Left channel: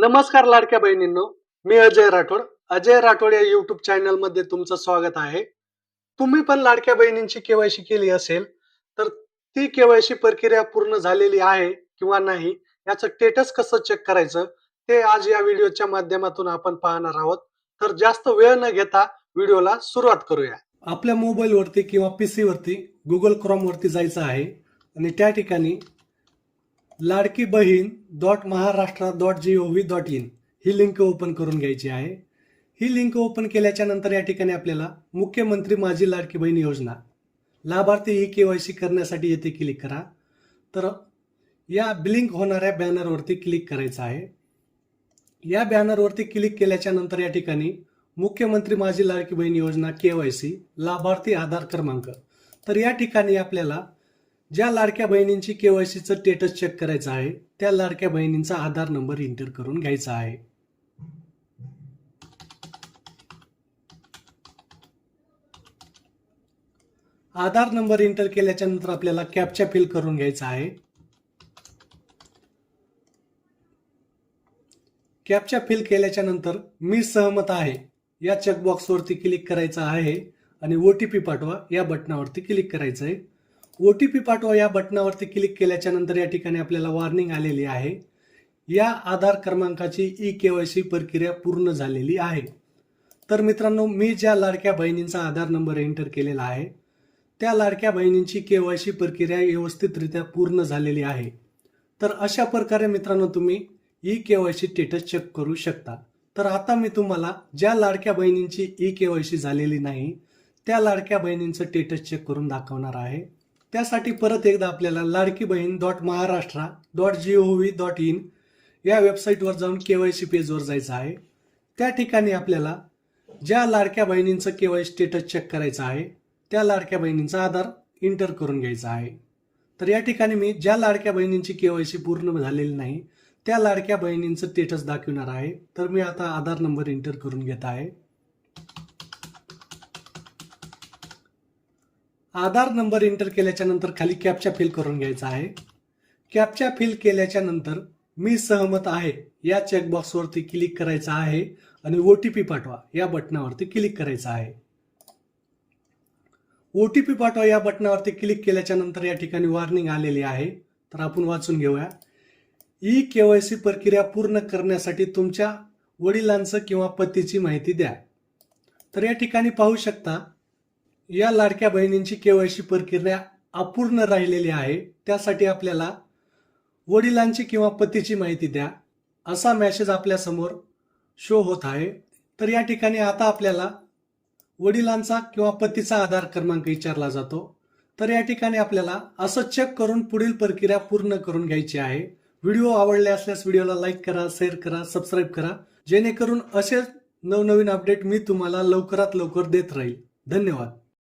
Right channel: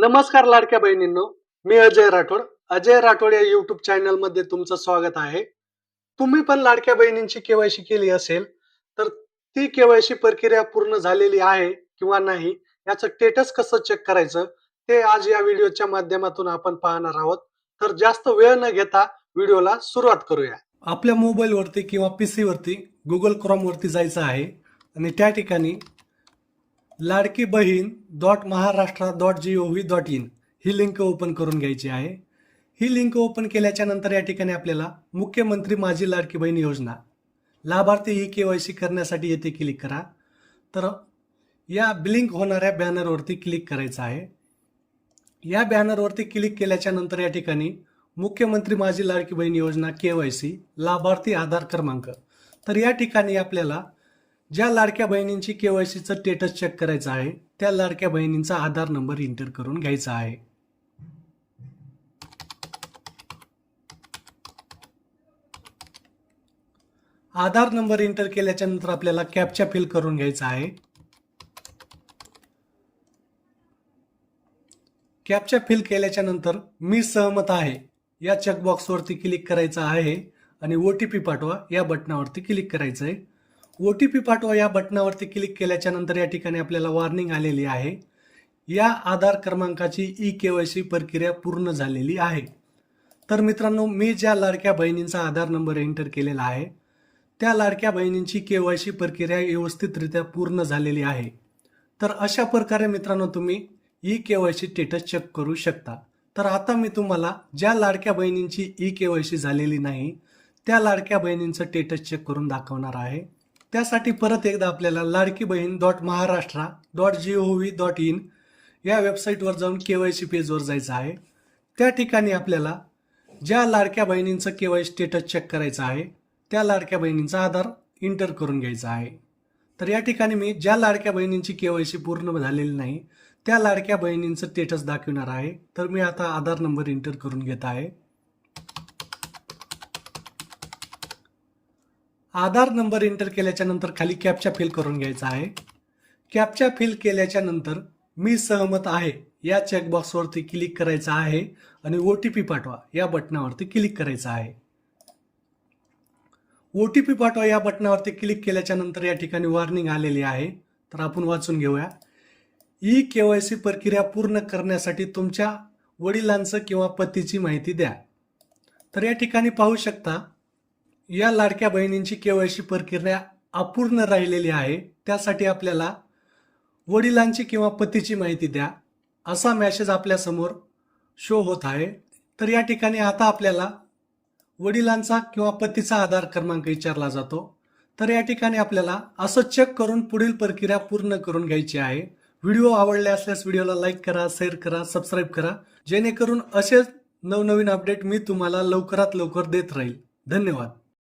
नमस्कार लाडक्या बहिणींनो मी अजय राठोड. अजय राठोड या युट्यूब चॅनलमध्ये तुमचं स्वागत आहे. तुम्ही पण लाडक्या बहिणींची केवायसी केली असेल तर ती केवायसी प्रक्रिया पूर्ण झालेली आहे किंवा नाही याचं स्टेटस कसं चेक करायचं ते आज या व्हिडिओच्या माध्यमातून आपण पाहणार आहोत. तर जास्त वेळ न घेता व्हिडिओला सुरुवात करूया. आपल्या मोबाईलवरती किंवा पीसी वरती गुगल क्रॉम वरती जायचं आहे आणि त्या ठिकाणी Ladki Bahin dot Maharashtra dot G O V dot in he link open करून घ्यायची आहे. ही लिंक ओपन केल्याच्यानंतर या ठिकाणी आपल्याला मुख्यमंत्री माझी लाडकी बहीण योजना लाभार्थी ही के वाय सी करण्यासाठी येथे क्लिक करा. तर या ब्लिंक होणाऱ्या बॅनरवरती क्लिक करायचं आहे. या बॅनरवरती क्लिक केल्याच्यानंतर या ठिकाणी मुख्यमंत्री माझी लाडकी बहीण योजना के वाय सी लाभार्थी आधार क्रमांक. तर या ठिकाणी आपल्याला ज्या लाडक्या बहिणींची केवायसीचं स्टेटस चेक करायचं आहे त्या लाडक्या बहिणींचा आधार नंबर इंटर करून घ्यायचा आहे. आधार नंबर इंटर केल्याच्यानंतर आपल्याला कॅपचा फिल करून घ्यायचा आहे. कॅपचा फिल केल्याच्यानंतर मी सहमत आहे या चेकबॉक्सवरती क्लिक करायचं आहे आणि ओ टी पी पाठवा या बटनावरती क्लिक करायचं आहे ओ टी पी पाठवा या बटनावरती क्लिक केल्याच्यानंतर या ठिकाणी आपल्याला वॉर्निंग आलेली आहे. या आधार क्रमांकाची ई के वाय सी प्रक्रिया पूर्ण झालेली आहे. तर मित्रांनो मी ज्या लाडक्या बहिणींचा आधार नंबर एंटर केलेला आहे त्या लाडक्या बहिणींची के वाय सी प्रक्रिया व्यवस्थितरित्या पूर्ण झालेली आहे. तर अशा प्रकारे मित्रांनो तुम्ही E K Y C status check करू शकता. तर आता मी तुम्हाला ज्या लाडक्या बहिणींची ई के वाय सी झालेली नाही त्या लाडक्या बहिणींचं स्टेटस चेक करून दाखवणार आहे. त्यासाठी परत एकदा आपल्याला Ladki Bahin dot Maharashtra dot G O V dot in या वेबसाईटवर जाऊन के वाय सी पेजवर जायचं आहे. त्या ठिकाणी आपल्याला ज्या लाडक्या बहिणींचं के वाय स्टेटस चेक करायचं आहे त्या लाडक्या बहिणींचा आधार इंटर करून घ्यायचा आहे. तर या ठिकाणी मी ज्या लाडक्या बहिणींची के वाय सी पूर्ण झालेली नाही त्या लाडक्या बहिणींचं स्टेटस दाखवणार आहे. तर मी आता आधार नंबर इंटर करून घेत आहे. आधार नंबर एंटर केल्याच्यानंतर खाली कॅपच्या फिल करून घ्यायचा आहे. कॅपच्या फिल केल्याच्यानंतर मी सहमत आहे. या चेकबॉक्सवरती क्लिक करायचं आहे आणि ओ टी पी पाठवा. या बटनावरती क्लिक करायचं आहे. ओ टी पी पाठवा. या बटनावरती क्लिक केल्याच्यानंतर या ठिकाणी वॉर्निंग आलेली आहे. तर आपण वाचून घेऊया. ई के वाय सी प्रक्रिया पूर्ण करण्यासाठी तुमच्या वडिलांचं किंवा पतीची माहिती द्या. तर या ठिकाणी पाहू शकता या लाडक्या बहिणींची केवायसी प्रक्रिया अपूर्ण राहिलेली आहे. त्यासाठी आपल्याला वडिलांची किंवा पतीची माहिती द्या. असा मॅसेज आपल्यासमोर शो होत आहे. तर या ठिकाणी आता आपल्याला वडिलांचा किंवा पतीचा आधार क्रमांक विचारला जातो. तर या ठिकाणी आपल्याला असं चेक करून पुढील प्रक्रिया पूर्ण करून घ्यायची आहे. व्हिडिओ आवडले असल्यास व्हिडिओला लाईक करा शेअर करा सबस्क्राईब करा. जेणेकरून असेच नवनवीन अपडेट मी तुम्हाला लवकरात लवकर देत राहील. धन्यवाद.